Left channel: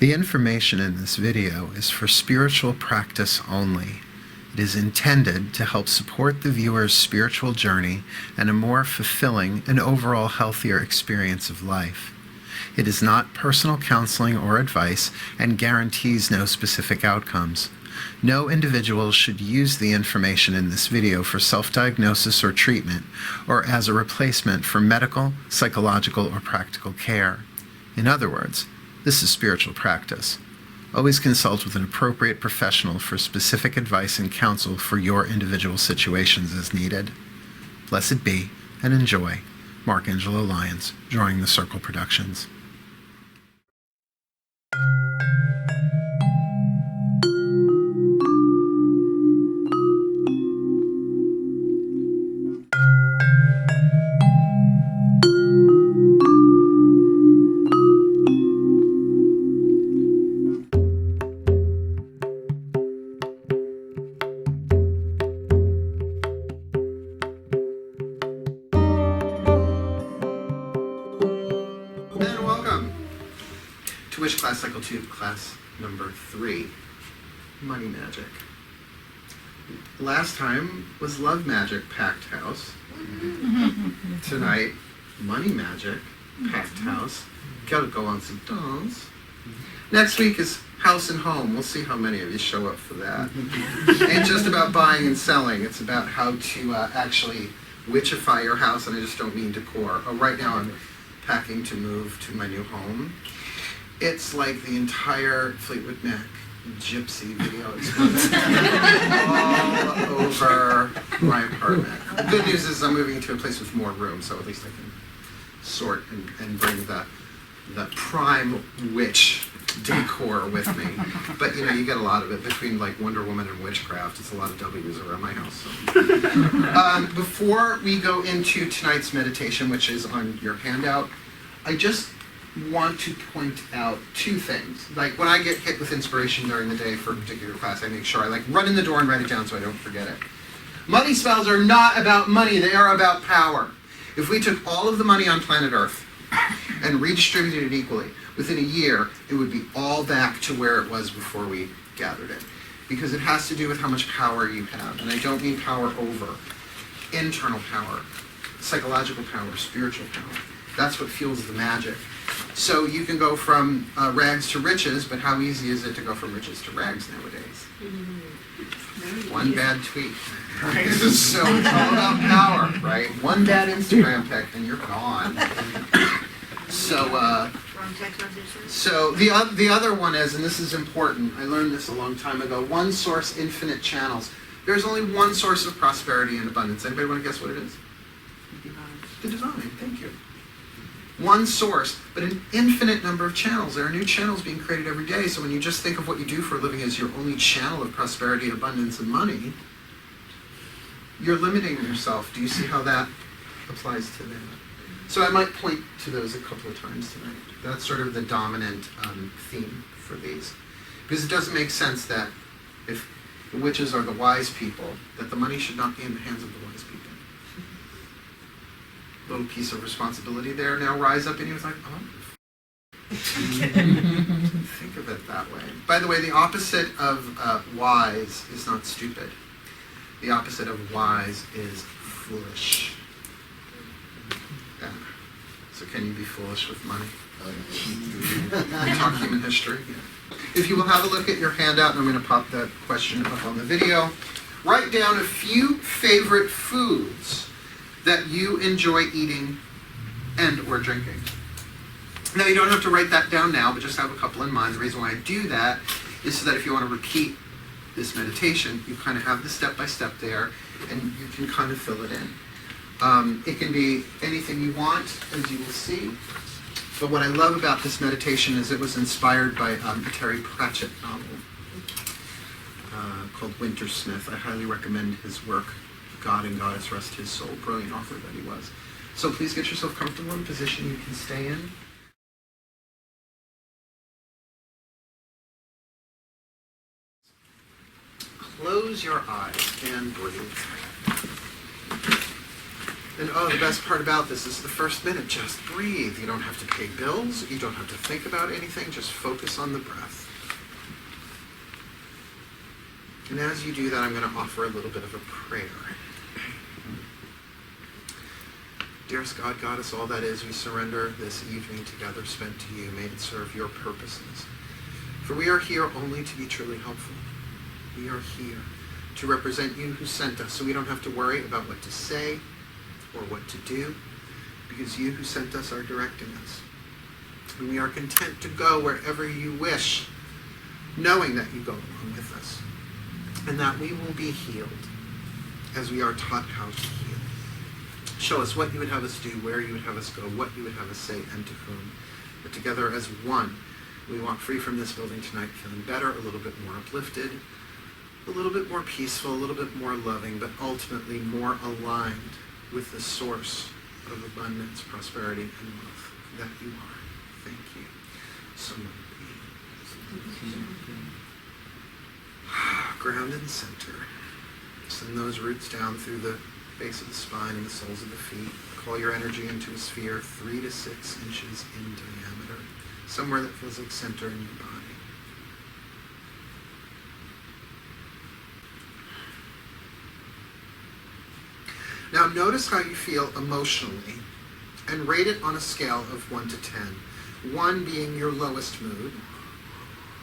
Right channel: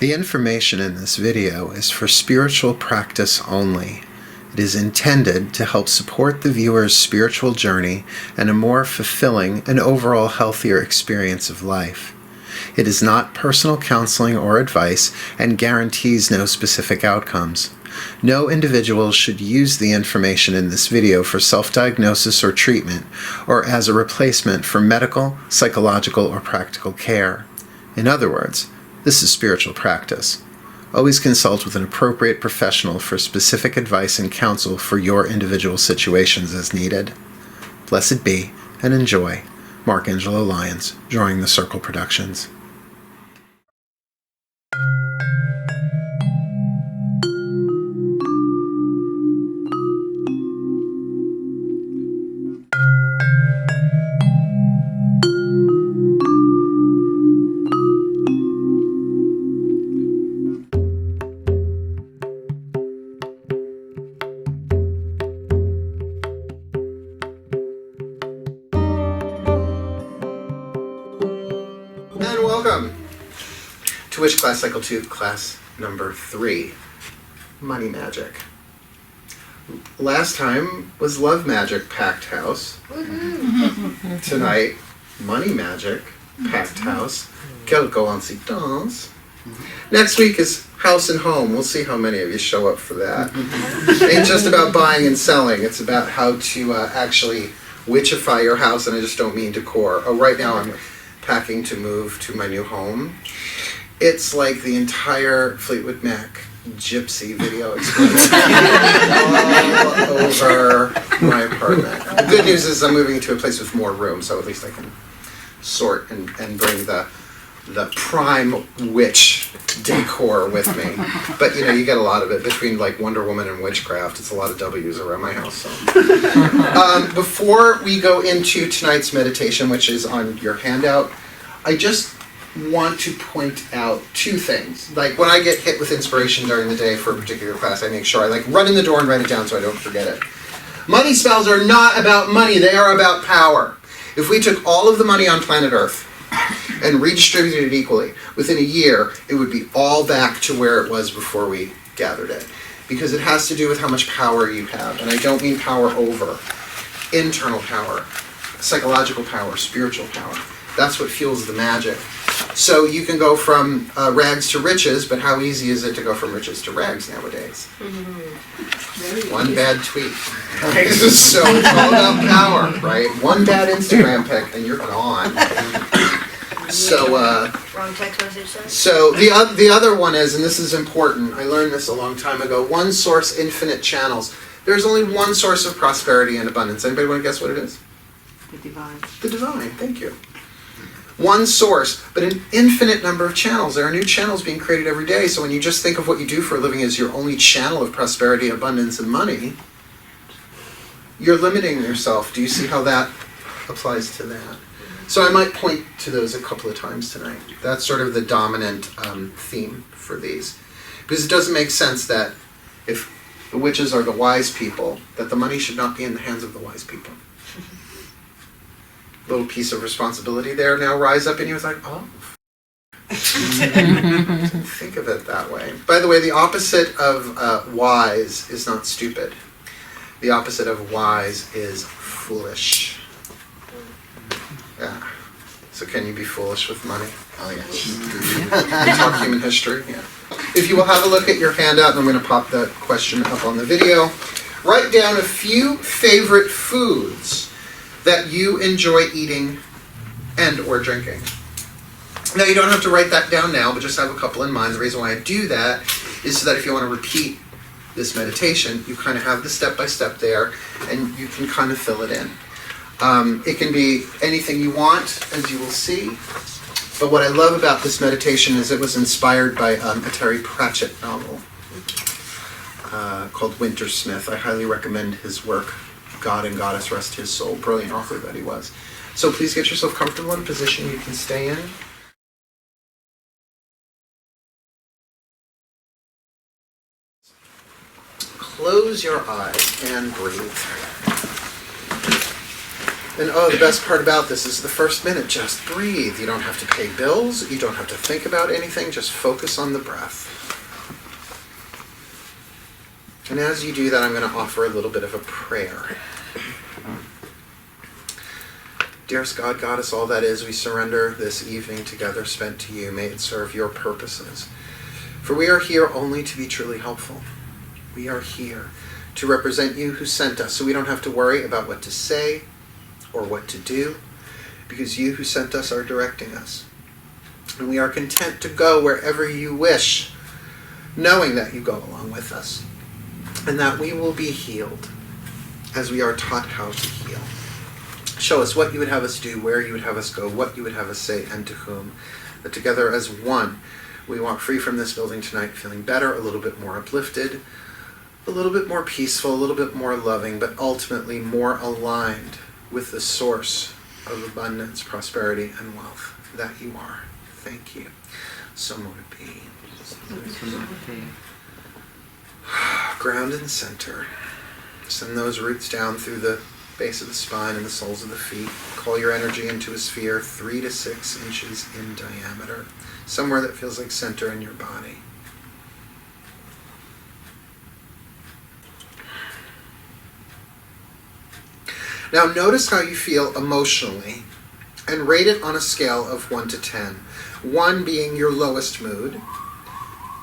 The information in this video is for spiritual practice only. It is intended to help support the viewer's spiritual journey and a more fulfilling and overall healthier experience of life. It is not personal counseling or advice and guarantees no specific outcomes. No individual should use the information in this video for self-diagnosis or treatment or as a replacement for medical, psychological, or practical care. In other words, this is spiritual practice. Always consult with an appropriate professional for specific advice and counsel for your individual situations as needed. Blessed be and enjoy. Mark Angelo Lyons, Drawing the Circle Productions. To WITCHCLASS Cycle 2, class number 3, Money Magic. Last time was Love Magic, Packed House. Tonight, Money Magic, Packed House. Quelques incidents. Next week is House and Home. We'll see how many of you show up for that. It ain't just about buying and selling. It's about how to actually witchify your house, and I just don't mean decor. Oh, right now I'm packing to move to my new home. It's like the entire Fleetwood Mac gypsy video experience all over my apartment. The good news is I'm moving into a place with more room, so at least I can sort and bring the prime witch decor with me. But you know, you get a lot of it between like Wonder Woman and witchcraft. It's a lot of W's around my house. So. Before we go into tonight's meditation, which is on your handout, I just want to point out two things. Like when I get hit with inspiration during the day for a particular class, I make sure I like run in the door and write it down so I don't forget it. Money spells are not about money, they are about power. If we took all of the money on planet Earth and redistributed it equally, within a year it would be all back to where it was before we gathered it. Because it has to do with how much power you have. And I don't mean power over. Internal power, psychological power, spiritual power. That's what fuels the magic. So you can go from rags to riches, but how easy is it to go from riches to rags nowadays? One bad tweet. Right? So it's all about power, right? One bad Instagram pic and you're gone. So wrong text message. So the other one is, and this is important, I learned this a long time ago, one source, infinite channels. There's only one source of prosperity and abundance. Anybody want to guess what it is? The divine. The divine, thank you. One source, but an infinite number of channels. There are new channels being created every day, so when you just think of what you do for a living as your only channel of prosperity, abundance, and money, you're limiting yourself. Do you see how that applies to that? So I might point to those a couple of times tonight. That's sort of the dominant theme for these. Because it doesn't make sense that if the witches are the wise people, that the money should not be in the hands of the wise people. Little piece of responsibility there now rise up in you. It's like, oh. Think of it that way. By the way, the opposite of wise is not stupid. The opposite of wise is foolish. Yeah. So can you be foolish with money? Oh, yeah. We talk human history. Yeah. If you will have a look at your handout, and I'm going to pop the question up on the video. Write down a few favorite foods that you enjoy eating and or drinking. Now you don't have to write that down now, but just have a couple in mind. The reason why I do that is so that if you want to repeat this meditation, you kind of have the step-by-step there, and you can kind of fill it in. It can be anything you want, as you will see. But what I love about this meditation is it was inspired by a Terry Pratchett novel called Wintersmith. I highly recommend his work. God and Goddess rest his soul. Brilliant author that he was. So please get yourself comfortable in a position you can stay in. Close your eyes and breathe. And oh, the best part about this is the first minute, just breathe. You don't have to pay bills. You don't have to think about anything. Just focus on the breath. And as you do that, I'm going to offer a little bit of a prayer. Dearest God, Goddess, all that is, we surrender this evening together spent to you. May it serve your purposes. For we are here only to be truly helpful. We are here to represent you who sent us, so we don't have to worry about what to say or what to do, because you who sent us are directing us. And we are content to go wherever you wish, knowing that you go along with us, and that we will be healed as we are taught how to heal. Show us what you would have us do, where you would have us go, what you would have us say, and to whom. That together as one, we walk free from this building tonight feeling better, a little bit more uplifted, a little bit more peaceful, a little bit more loving, but ultimately more aligned with the source of abundance, prosperity, and wealth that you are. Thank you. So mote it be. Ground and center. Send those roots down through the base of the spine and the soles of the feet. Call your energy into a sphere 3 to 6 inches in diameter, somewhere that feels like center in your body. Now notice how you feel emotionally and rate it on a scale of 1 to 10. 1 being your lowest mood,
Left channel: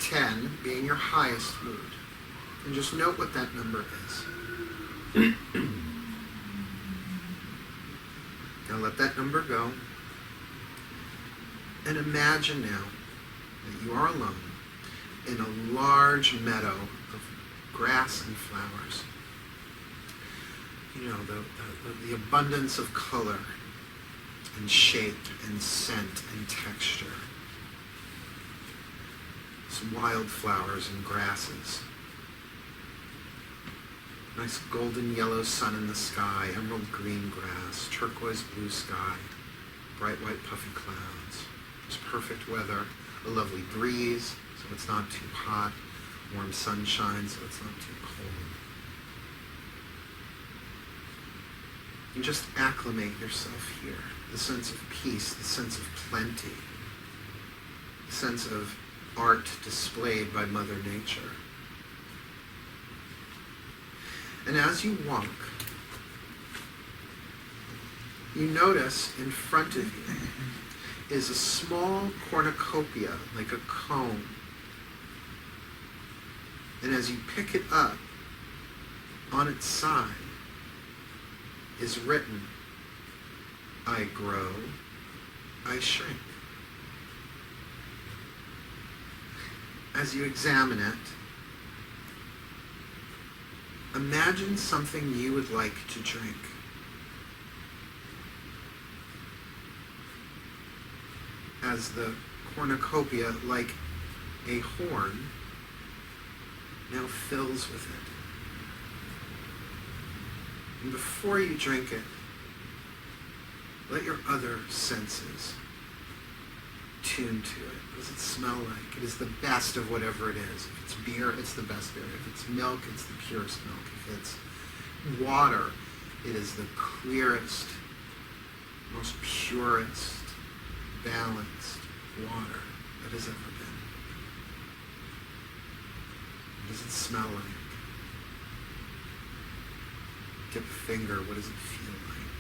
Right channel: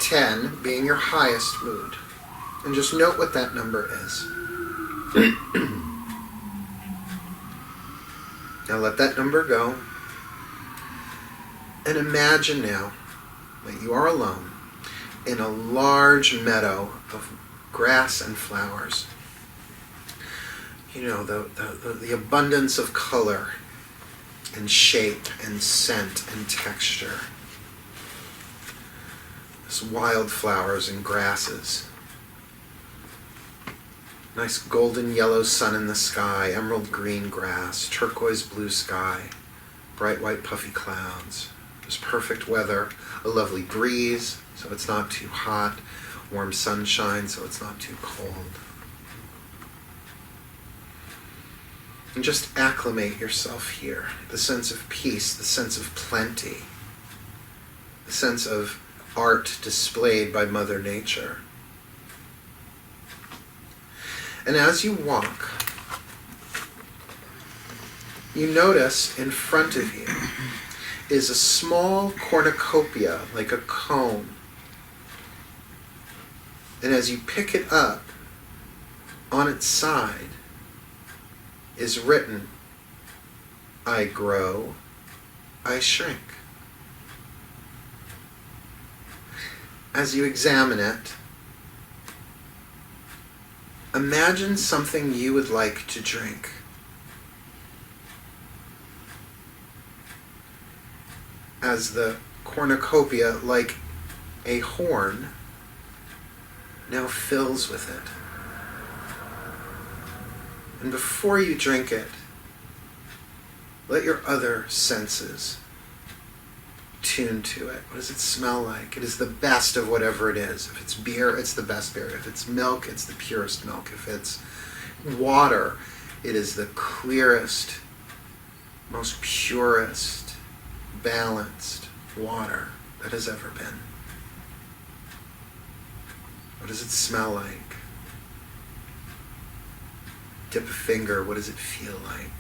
10 being your highest mood. And just note what that number is. Now let that number go. And imagine now that you are alone in a large meadow of grass and flowers. You know, the abundance of color and shape and scent and texture. There's wildflowers and grasses. Nice golden yellow sun in the sky, emerald green grass, turquoise blue sky, bright white puffy clouds. There's perfect weather, a lovely breeze, so it's not too hot, warm sunshine, so it's not too cold. And just acclimate yourself here. The sense of peace, the sense of plenty, the sense of art displayed by Mother Nature. And as you walk, you notice in front of you is a small cornucopia, like a cone. And as you pick it up, on its side is written, I grow, I shrink. As you examine it, imagine something you would like to drink. As the cornucopia, like a horn, now fills with it. And before you drink it, let your other senses tune to it. What does it smell like? It is the best of whatever it is. If it's beer, it's the best beer. If it's milk, it's the purest milk. If it's water, it is the clearest, most purest, balanced water that has ever been. What does it smell like? Dip a finger, what does it feel like?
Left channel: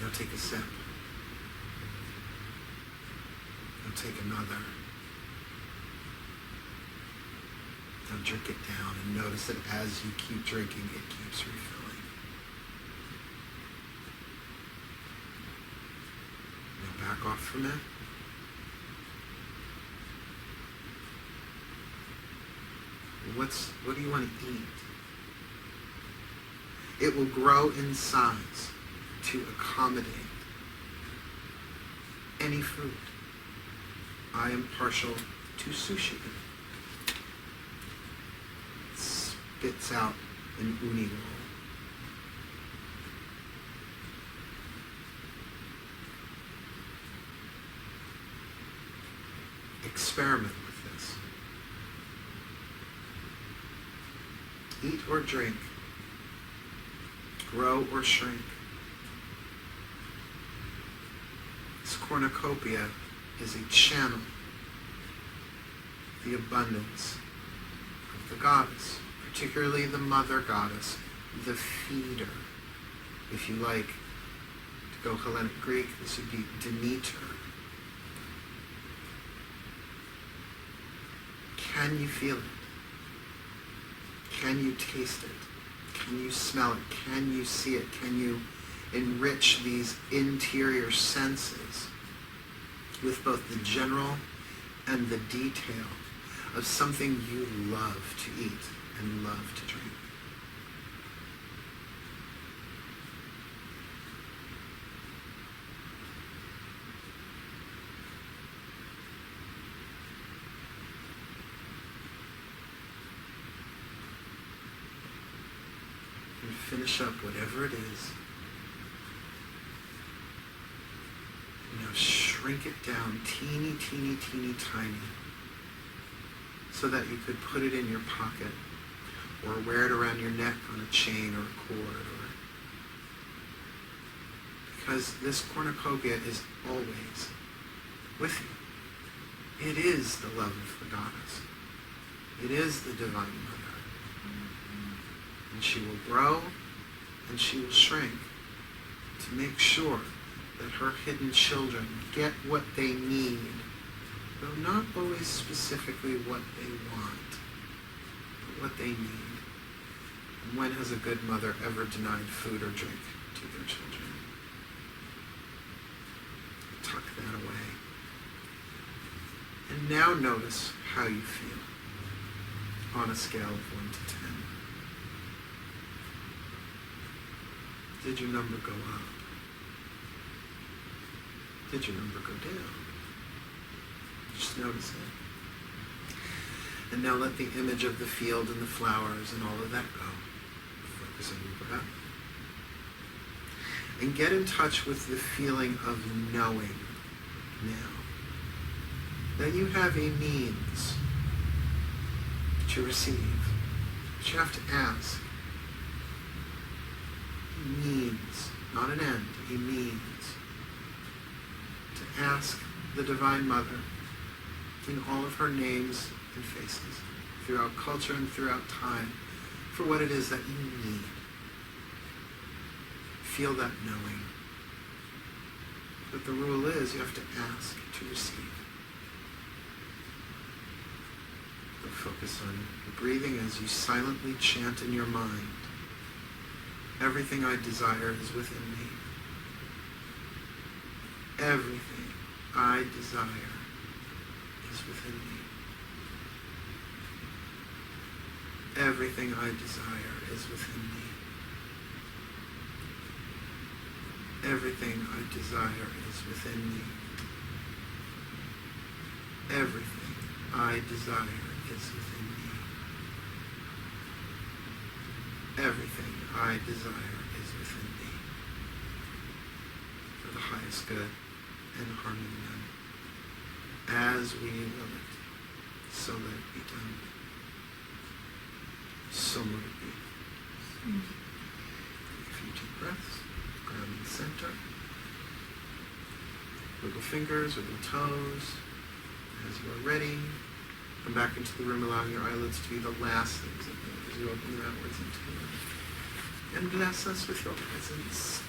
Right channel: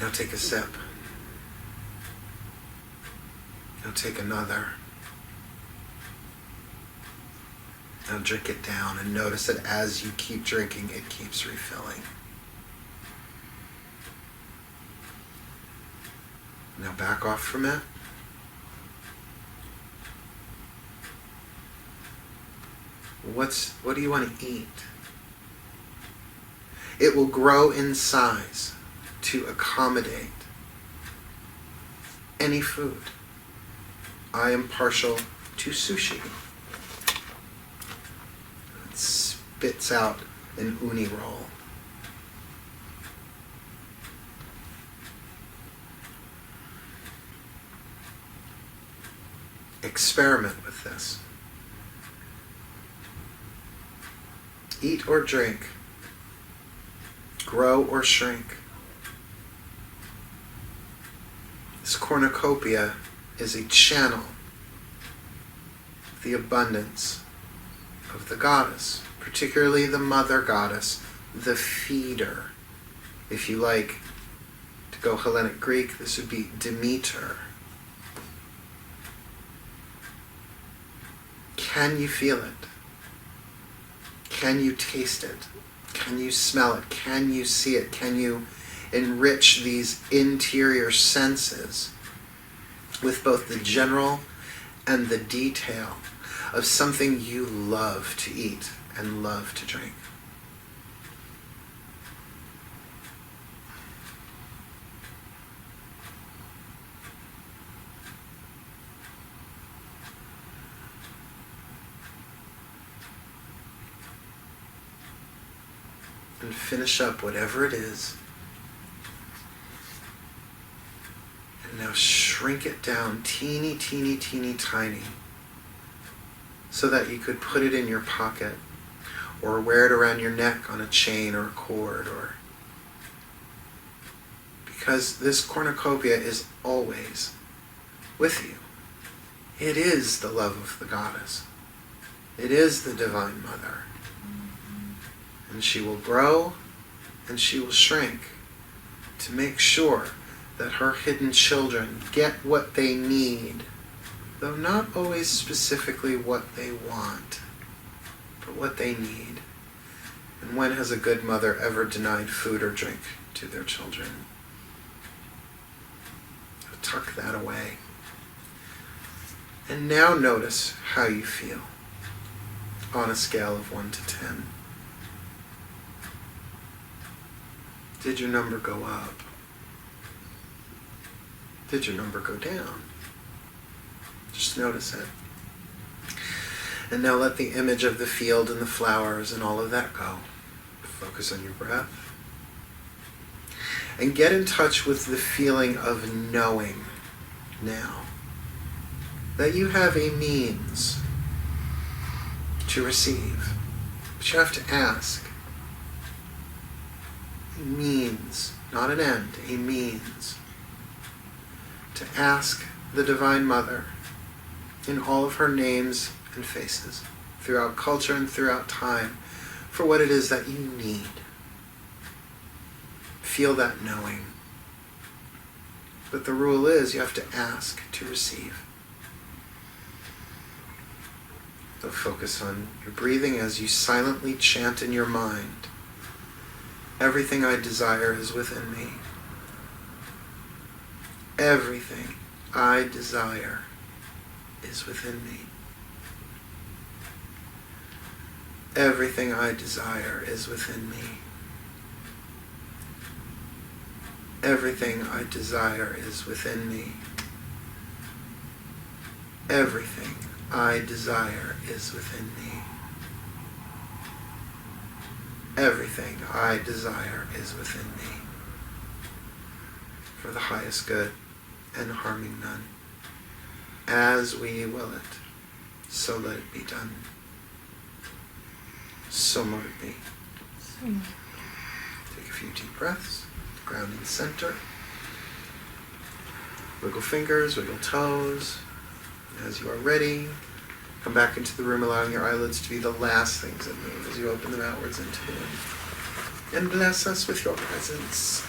Now take a sip. Now take another. Now drink it down and notice that as you keep drinking, it keeps refilling. Now back off from it. What do you want to eat? It will grow in size to accommodate any food. I am partial to sushi. It spits out an uni roll. Experiment with this. Eat or drink grow or shrink. This cornucopia is a channel of the abundance of the goddess, particularly the mother goddess, the feeder. If you like to go Hellenic Greek, this would be Demeter. Can you feel it? Can you taste it? Can you smell it? Can you see it? Can you enrich these interior senses with both the general and the detail of something you love to eat and love to drink? And finish up whatever it is. And now shrink it down teeny, teeny, teeny, tiny, so that you could put it in your pocket or wear it around your neck on a chain or a cord, or because this cornucopia is always with you. It is the love of the goddess. It is the Divine Mother. And she will grow and she will shrink to make sure that her hidden children get what they need, though not always specifically what they want, but what they need. And when has a good mother ever denied food or drink to their children? Tuck that away. And now notice how you feel on a scale of 1 to 10. Did your number go up? Did your number go down? Just notice it. And now let the image of the field and the flowers and all of that go. Focus on your breath. And get in touch with the feeling of knowing now that you have a means to receive. But you have to ask. A means, not an end, a means to ask the Divine Mother in all of her names and faces, throughout culture and throughout time, for what it is that you need. Feel that knowing. But the rule is you have to ask to receive. So focus on your breathing as you silently chant in your mind, everything I desire is within me. Everything I desire is within me. Everything I desire is within me. Everything I desire is within me. Everything I desire is within me. Everything I desire is within me, for the highest good and harming none. As we will it, so let it be done. So mote it be. Take a few deep breaths, ground in center. Wiggle fingers, wiggle toes. As you are ready, come back into the room, allowing your eyelids to be the last things that move as you open them outwards into the wind. And bless us with your presence.